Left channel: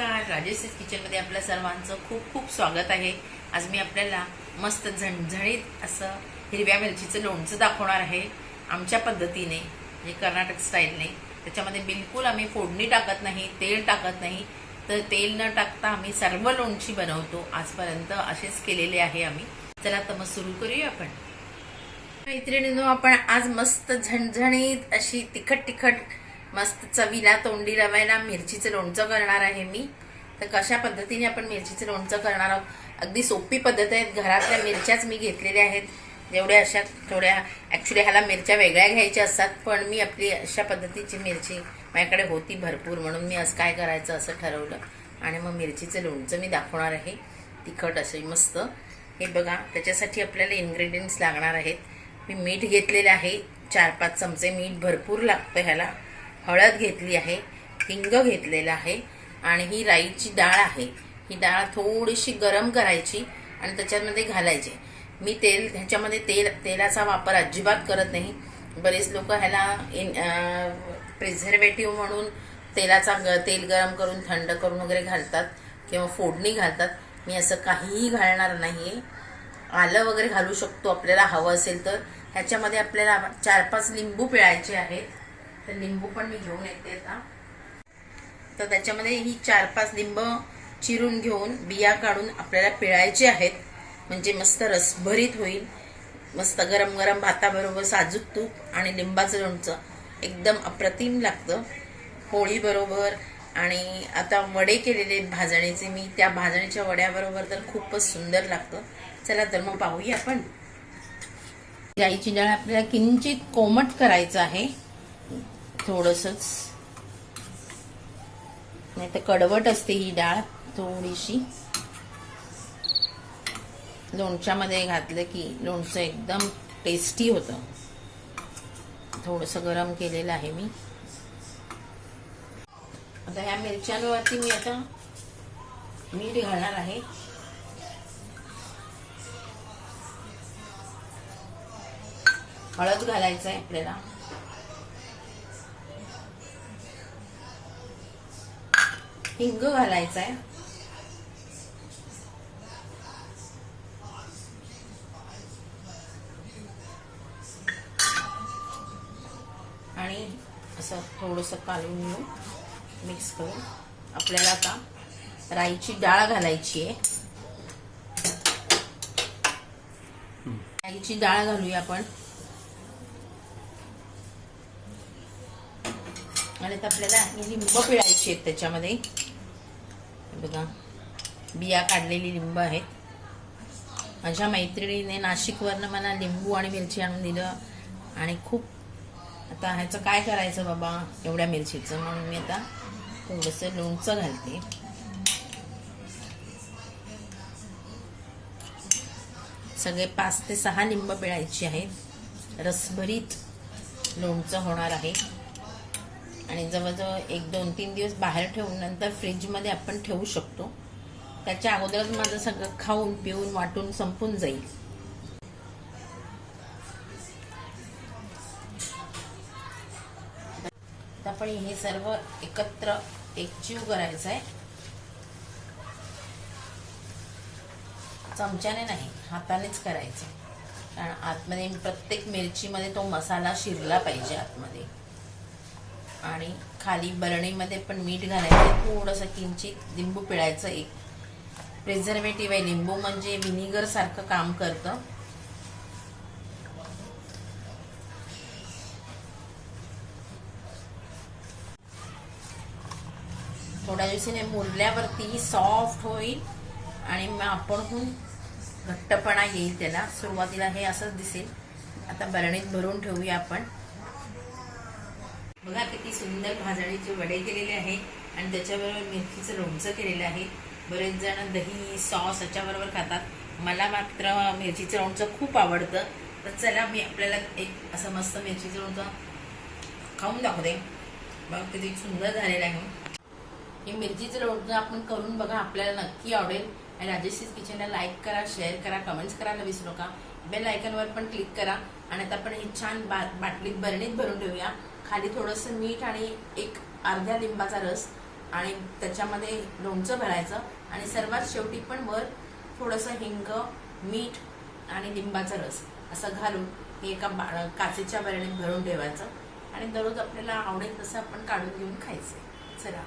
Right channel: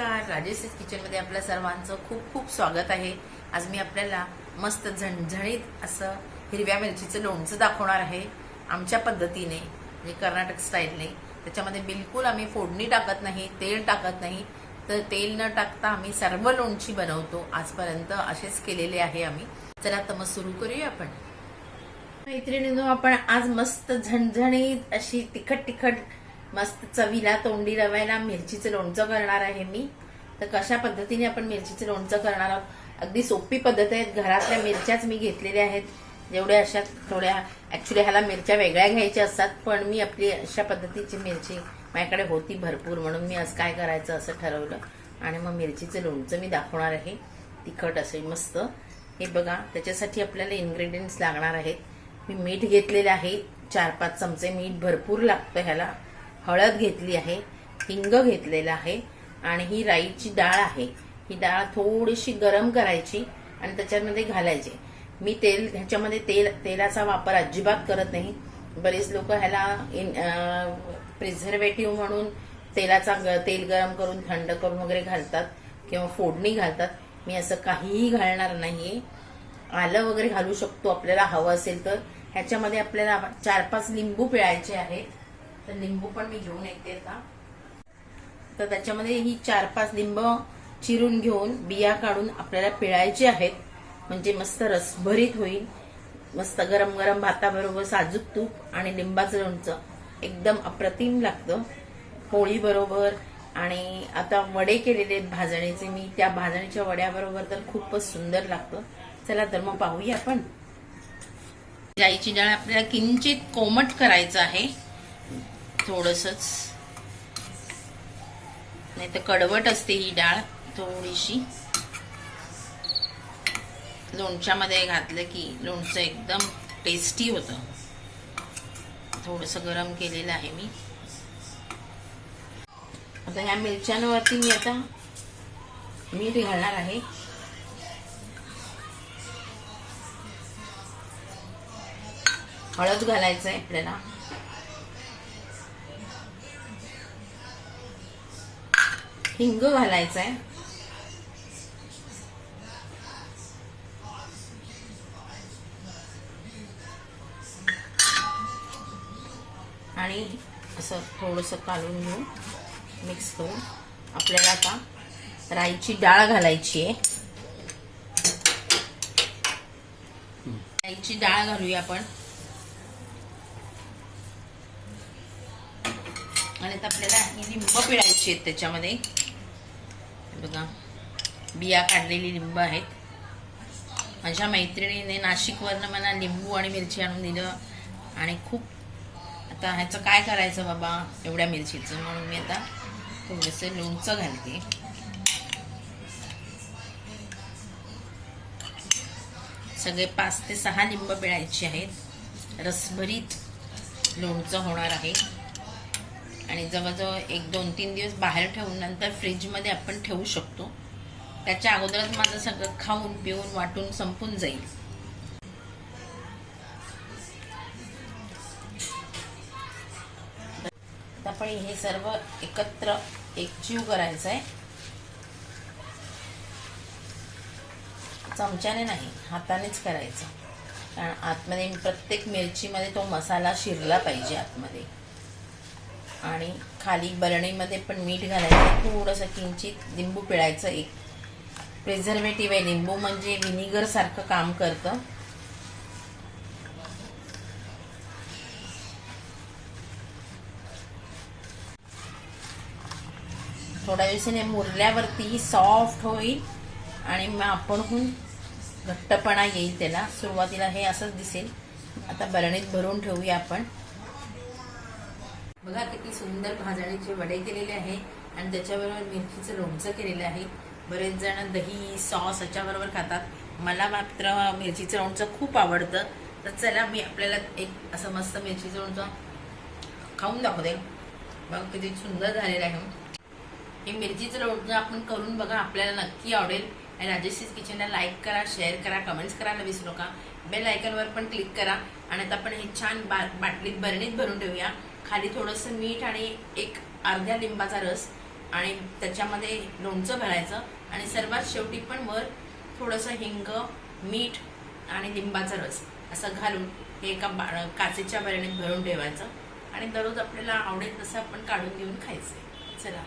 नमस्कार. राजेश किचनमध्ये आपल्या सर्वांचं खूप खूप स्वागत आहे. आज मी आपल्याला मस्त झणझणीत असं हिरव्या मिरचीचं लोणचं दाखवणार आहे आमच्या पद्धतीने म्हणजे कर्नाटक स्टाईलने. त्याच्यामध्ये बिलकुल आम्ही फोडणी टाकत नाही तेल टाकत नाही. तर तेल न टाकता आम्ही सर्व लोणची बनवतो. आजपर्यंत असेच केलेले आहे आम्ही. चला तर मग सुरू करूया आपण. मैत्रिणीनो आपण आज मस्त झणझणीत अशी तिखट तिखट मस्त चवीला तोंडी रवायला मिरचीचं लोणचं करणार आहे मी. तर कशा पद्धतीने आपण मिरचीचं लोणचं करणार आहोत? अगदी सोपी पद्धत आहेत. घरातल्या मिरच्याच मी घेतलेल्या आहेत. जेवढ्या अशा थोड्या ॲक्च्युली ह्याला मिरच्या वेगळ्या घ्यायच्या असतात पण मी आपली अशा पद्धतीची मिरची माझ्याकडे होती भरपूर म्हणून मी असं काय करायचं असं ठरवलं. आणि मग मिरचीचं लोणचं मी दाखवणार आहे. तिखट असे मस्त. हे बघा त्याच्यासाठी आपल्याला इन्ग्रेडियंट्स लागणार आहेत. मी मीठ घेतलेलं आहे. चार पाच चमचे मीठ भरपूर लागतं ह्याला. हळद घेतली आहे हिंग घेतलेलं आहे आणि ही राईची डाळ आहे. ही डाळ थोडीशी गरम करायची आणि त्याच्यामध्ये घालायची. मी तेल ह्याच्यामध्ये तेल तेलाचा वापर अजिबात करत नाही. बरेच लोक ह्याला इन प्रिझर्वेटिव्ह म्हणून तेलाचा ग तेल गरम करून थंड करून वगैरे घालतात किंवा फोडणी घालतात. मी असं काहीही घालणार नाही आलं वगैरे घालू शकतो आपल्याला हवं असेल तर. ह्याच्यामध्ये आपल्याला चार पाच लिंबू पिळायचे आहेत. तर लिंबू पण मी घेऊन येते आता. तर त्याच्यामध्ये ही चार पाच लिंब चिरून घेऊन बिया काढून आपल्याला पिळायचे आहेत. म्हणजे मस्त रसभरीत होईल. मस्त गरम गरम भाताबरोबर साजूक तूप आणि लिंबाचं लोणचं. एकदम अप्रतिम लागतं. पोळीबरोबर आणि आता वडे केलेले आहेत भाजणीचे मी त्या भाजणीच्या वड्याबरोबर तर खूपच सुंदर लागतं. चला तर मग पाहूया आपण. राईची डाळ आपल्याला किंचित कोमट करायचं आहे. थोडंसंच. नाही तर कडवट असते ही डाळ थोडीशी. लोणच्यामध्ये घातलं की लोणचं एकदम टेस्टी होतं. थोडंसं गरम केलेलं आहे मी. आता ह्या मिरच्यांवरती मी आता मीठ घालणार आहे. हळद घालायचं आहे आपल्याला. हिंग घालायचा आहे आणि असं थोडंसं काढून घेऊन मिक्स करून आपल्याला आता राईची डाळ घालायची आहे. राईची डाळ घालूया आपण. आणि आता आपल्याला लिंब पिळायची आहेत त्याच्यामध्ये. बघा. बिया काढलेली लिंब आहेत. माझ्या मैत्रिणीने नाशिकवरनं मला लिंबू आणि मिरची आणून दिलं. आणि खूप आता ह्याचं काय करायचं बाबा? एवढ्या मिरचीचं. म्हणून मी आता थोडंसं लोणचं घालते. सगळे पाच ते सहा लिंब पिळायची आहेत. रसभरीत लोणचं होणार आहे. आणि जवळजवळ एक दोन तीन दिवस बाहेर ठेवून नंतर फ्रीजमध्ये आपण ठेवू शकतो. त्याच्या अगोदरच माझं सगळं खाऊन पिऊन वाटून संपून जाईल. आता आपण हे सर्व एकत्र एकजीव करायचं आहे. चमच्याने नाही हातानेच करायचं. कारण आतमध्ये प्रत्येक मिरचीमध्ये तो मसाला शिरला पाहिजे आतमध्ये. आणि खाली बरणीमध्ये पण मीठ घालायचं थोडंसं किंचित लिंबू पिळायचं एक. प्रिझर्वेटिव्ह आहे. लिंबू म्हणजे विनिगर सारखं काम करतं. थोड्या दिवसाने मुरल्यावरती सॉफ्ट होईल आणि मग आपणहून घट्टपणा येईल त्याला. सुरुवातीला हे असंच दिसेल. आता बरणीत भरून ठेवूया आपण. बघा किती सुंदर भाजणीचे वडे केलेले आहे आणि त्याच्याबरोबर मिरचीचं लोणचं केलेलं आहे. बरेच जण दही सॉस याच्याबरोबर खातात. मला मात्र मिरचीचं लोणचं खूप आवडतं. तर चला मी आपल्याला एक असं मस्त मिरचीचं लोणचं खाऊन दाखवते. बघा किती सुंदर झालेलं आहे. हे मिरचीचं लोणचं आपण करून बघा आपल्याला नक्की आवडेल. आणि राजेशीज किचनला लाईक करा शेअर करा कमेंट्स करायला विसरू नका. बेल आयकनवर पण क्लिक करा. आणि आता आपण हे छान बा बाटलीत बरणीत भरून ठेवूया. खाली थोडंसं मीठ आणि एक अर्ध्या लिंबाचा रस आणि त्याच्यामध्ये लोणचं भरायचं. आणि सर्वात शेवटी पण वर थोडंसं हिंग मीठ आणि लिंबाचा रस असं घालून हे एका बा- काचेच्या बरणीत भरून ठेवायचं. आणि दररोज आपल्याला आवडेल तसं आपण काढून घेऊन खायचंय. चला.